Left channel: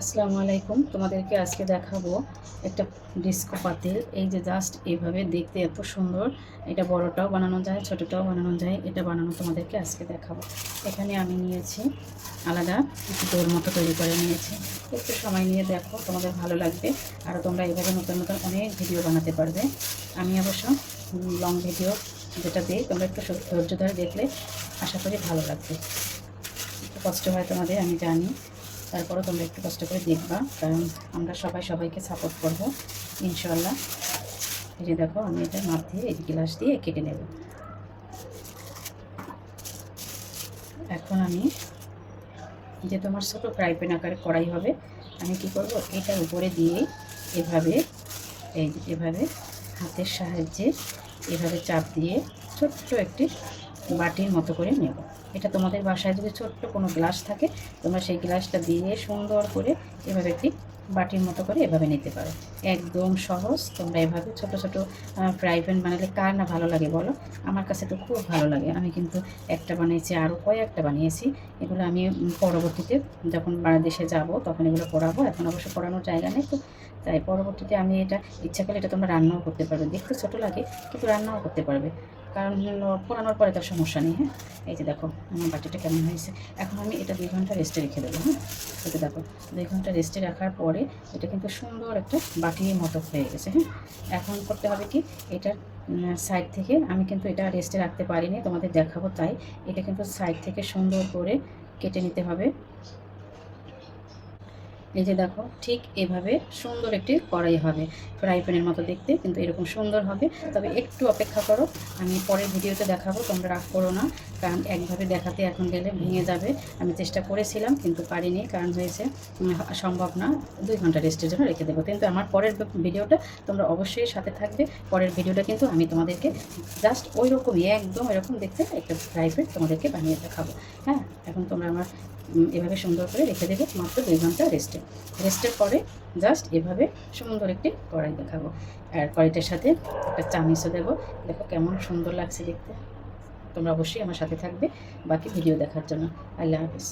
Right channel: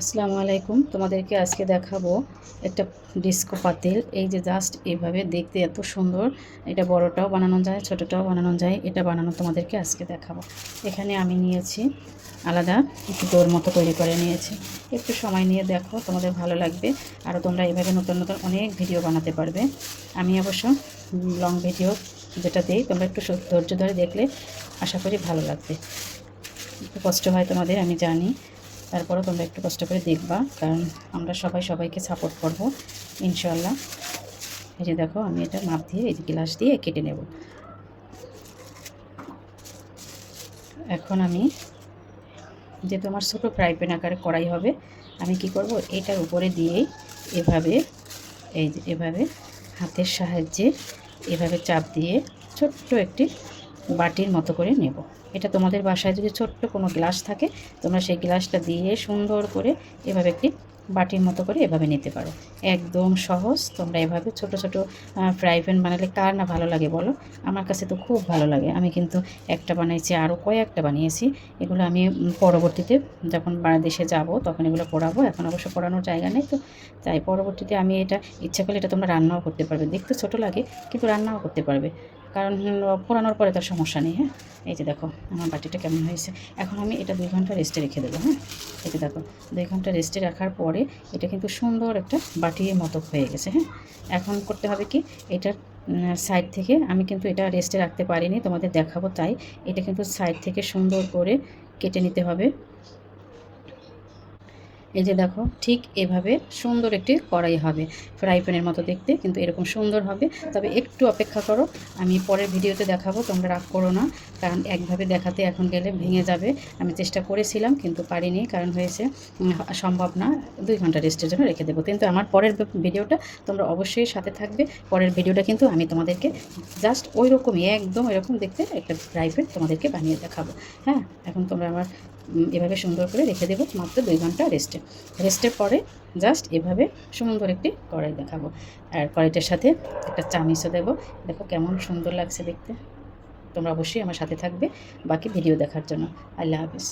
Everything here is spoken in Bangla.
আসসালামু আলাইকুম। তোমাদেরকে আজকে দেখাবো একটা ডিস্কো পাতিল। এই যে জাস্ট এইভাবে দেখতে এত সুন্দর। এটা বড়টাও বানানো যায়, ছোটটাও বানানো যায়। এটা বানানো তোমাদেরকে আজকে দেখাবো। এখানে আমি নিয়েছি আলাদা একটু ডোর মতো তৈরি করে নিয়েছি। একটু সময় নিয়ে দেখো, তোমাদের ভালো লাগবে। আর তোমরা এইভাবে নতুন নতুন অনেক ভিডিও বানাতে পারবে। আমি অবশ্য লং ভিডিও যেটা দিই, তোমরা একটু ধৈর্য ধরে দেখলে আশা করি ভালো লাগবে। একটু কষ্ট হয় তোমাদের, আমি জানি। তারপরে তোমরা একটু কষ্ট করে দেখবা, কারণ আমরা সবাই সবাইকে সাপোর্ট করব ইনশাআল্লাহ। এই যে দেখো, আমি এটা মাপ দিয়ে এই যে গ্লাস দিয়ে কেটে নেব। এখন আমি যে তোমার ছোটো ফ্রাই প্যান আকারে কড়াই হবে, আমি কি করব, এটার উপরে দিয়ে এভাবে এই যে এভাবে হাতের সাহায্যে এভাবে চাপ দিয়ে ছোট্ট একটি বাটির মতো করে নেব। এটা তোমাদের বাসায় যদি ছোট্ট কোনো গ্লাস থাকে, তোমরা সেই গ্লাসটা দিয়ে সুন্দর করে এভাবে একটি বাটির মতো করে এভাবে নিতে পারো। একদম সহজ। তোমরা এভাবে ছোট ছোট ফ্রাই প্যান বানালে কার না ভালো লাগে বলো? আমার কাছে তো খুব ভালো লাগে। আমি কিন্তু একটা বানিয়েছি, আরও কয়েকটা বানিয়েছি। এগুলো আমি পরবর্তীতে যখন দেশে যাব তখন এগুলো পড়াবো। এখন অবশ্য পড়ানোর জায়গা নেই, তো তাই পরবর্তীতে আমি এটা ইচ্ছা করলে এটা তোমরা রান্নাও করতে পারবে। দেখতে ছোট লাগে কিন্তু রান্নাও করতে পারবে, কারণ পোড়ানোর পরে তার সমস্যা নেই। হ্যাঁ, এই যে দেখো আমার বাটিটা কেমন হয়েছে। এখন আমি এটা 2 ঘন্টা রেস্টে রেখে দেবো। হ্যাঁ, এই যে দেখো 2 ঘন্টা রেস্টে রাখার পরে এটা কিন্তু সুন্দর একটা বাটির মতো হয়ে গেছে। হ্যাঁ, এখন করতে হবে কি, এটার সাইড থেকে আমি কিন্তু এটা রেস্টে রাখতে পারিনি, তোমাদের দেখাবো তাই। এটা কিন্তু সাইড থেকে সুন্দর করে কেটে নিতে হবে। এই যে দেখো, ঠিক এভাবে সুন্দর একটি কড়াই হবে, ফ্রাই প্যানের মতো দেখতে, কিন্তু এরকম সুন্দর হবে। তবে একটু অপেক্ষা করো, আমি পরের ভিডিওতে দেখাবো, তোমরা রাগ করো না। কারণ একভাবে দেখাতে এখন গেলে ভেঙে যাবে। আমি চেষ্টা করেছিলাম কিন্তু পারিনি, কারণ হয়েছে সম্ভব না। 2 ঘন্টা রেস্টের জন্য রেখে দেবো। কিন্তু আমার পরের ভিডিওটা তোমরা অবশ্যই সাথে থাকবে। পরের ভিডিওটা কিন্তু আমি তোমাদেরকে জাস্ট ওই রকমই একদম এরকম দেখতে একটা ফ্রাই প্যান তোমাদেরকে বানিয়ে দেখাবো। হ্যাঁ, এখন তোমরা আমার এভাবে সুন্দর করে রেখে দেবো মাত্র 2 ঘন্টা রেস্টের পরে জাস্ট এভাবে সুন্দর একটি কড়াই দেখাবো। আর কড়াইটার সাথে একটা চামিচও দেবো। দেখো কেমন সুন্দর লাগছে দেখতে। তোমরা অবশ্যই আমার সাথে থাকবে বাকি ভিডিও দেখার জন্য। আল্লাহ হাফিজ।